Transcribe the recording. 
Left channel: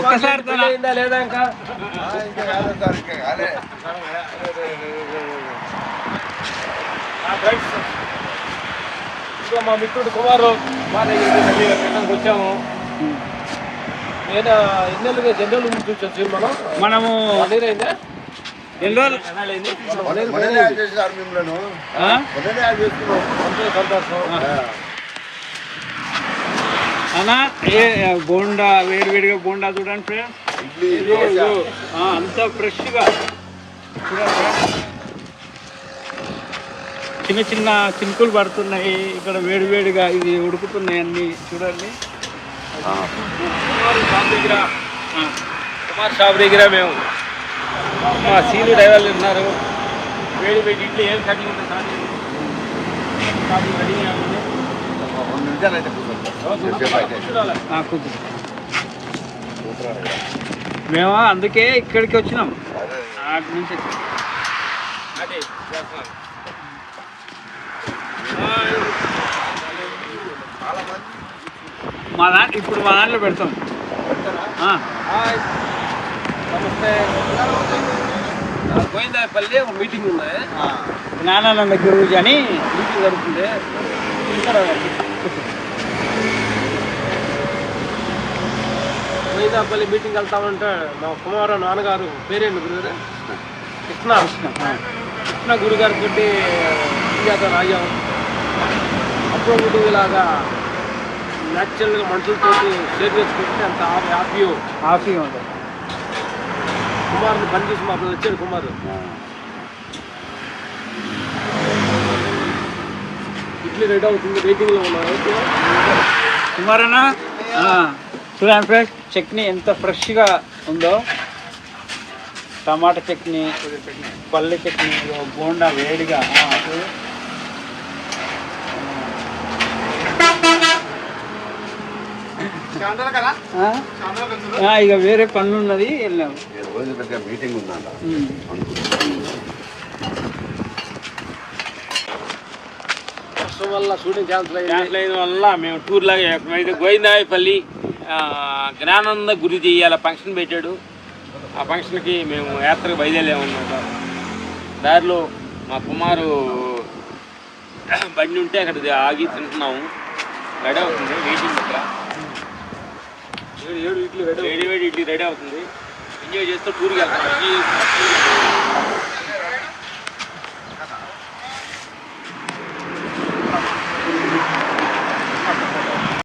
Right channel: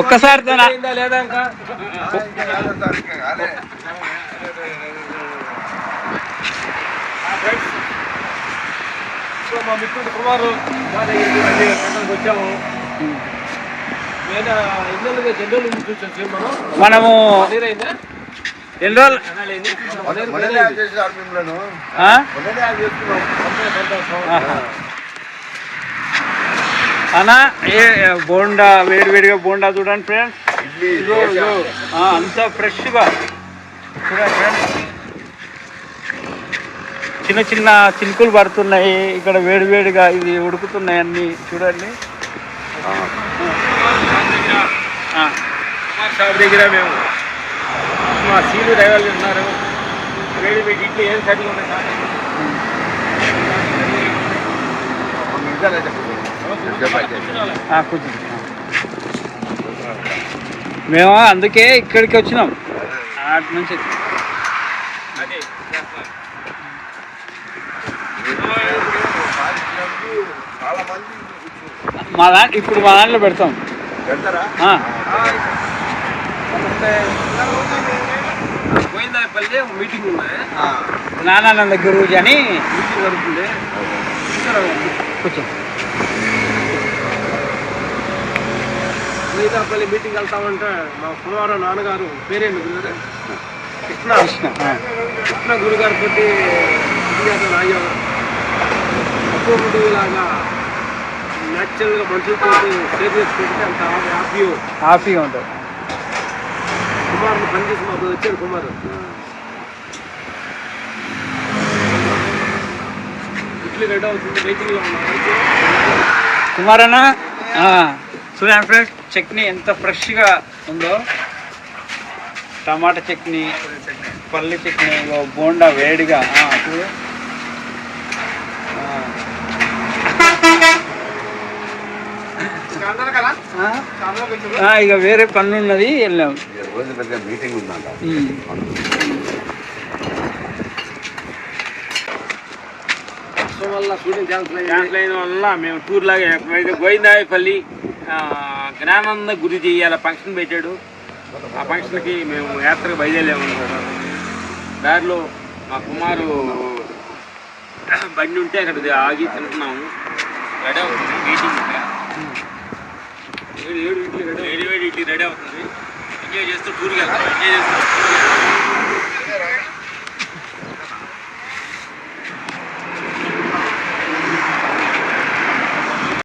ఒక్కసారి లేదా ఇంకా మా మిత్రుడు కుమారు మా దగ్గరికి వచ్చాము. నేను ఎన్ని మనము ఎన్ని రోజులు అన్నా బోండా వేడివేడిగా బోండా చూడండి ఫ్రెండ్స్. అంత ఫ్రెష్గా చూడండి. చిన్న చిన్న చినుకులు పడుతున్నాయి ఇక్కడ, వేడివేడిగా ఇది ఉడుకుతున్నాయి అన్నీ చూడండి. కుమార్ షాప్ దగ్గర మేము మా సీలు డ్రైవర్లు ఉన్నారు. వేడి వేడి ఇడ్లీ ఏం కటింగ్ ఉంటుంది మేము అందుకే ఇక్కడికి వచ్చినాం, అటు నుంచి ఇప్పుడు మా దాంట్లో పెడతాం. గోవిందాపల్లి ఒక మీటింగ్ ఉన్నది, నానానంద గురువుజీ అని మీటింగ్ జరుగుతుంది. ఇక్కడ కూర్చో. గోవిందాపల్లి మీటింగ్ వెళ్తామంటే మా కుమారు నాన్నగారు పేరేంటి గురుగారు? కృష్ణ గురుగారు తోటి ఇండియాతో ఆగాం. అప్పుడు ఇలాగా న్యాచురల్గా మనుషులతో షేర్ చేసుకుంటే అంత హ్యాపీగా ఉంటుంది. కుమార్ని పనిచేసి మాకు వచ్చాడు కుమారు. ఇడ్లీ రెడీ అవుతుంది, వెయిటింగ్లో ఉన్నాడు. కుమారన్నా చూడండి ఫ్రెండ్స్, చట్నీ ఎంత ఫ్రెష్గా ఉందో. టమాటా చట్నీ, పల్లి చట్నీ, బోండా వేడిగా చూడు. ఇక వేరే పనులు ఉన్నది, వెళ్ళాము. మీటింగ్ ఉందంట. వల్ల షూటింగ్ క్యాన్సిల్ అయిన వల్ల మేము టూర్ లాగా ఎప్పుడైతే గోవిందాయపల్లి జ్ఞానానంద గురి చేయాల ఫంక్షన్ పెట్టాడు. ఆ ఫంక్షన్కి మేము యాత్రకు బయలుదేరామన్నమాట. దారిలో మా కుమారు బండి ఉంటే అక్కడ ఆగి తింటున్నాము. రెడీ అవుతుంది మీటింగ్, వేడి ఇడ్లీ రెడీ అవుతుంది. ఎంజాయ్ చేస్తూ టూర్కి వెళ్తాం. ఎంజాయ్ చేస్తూ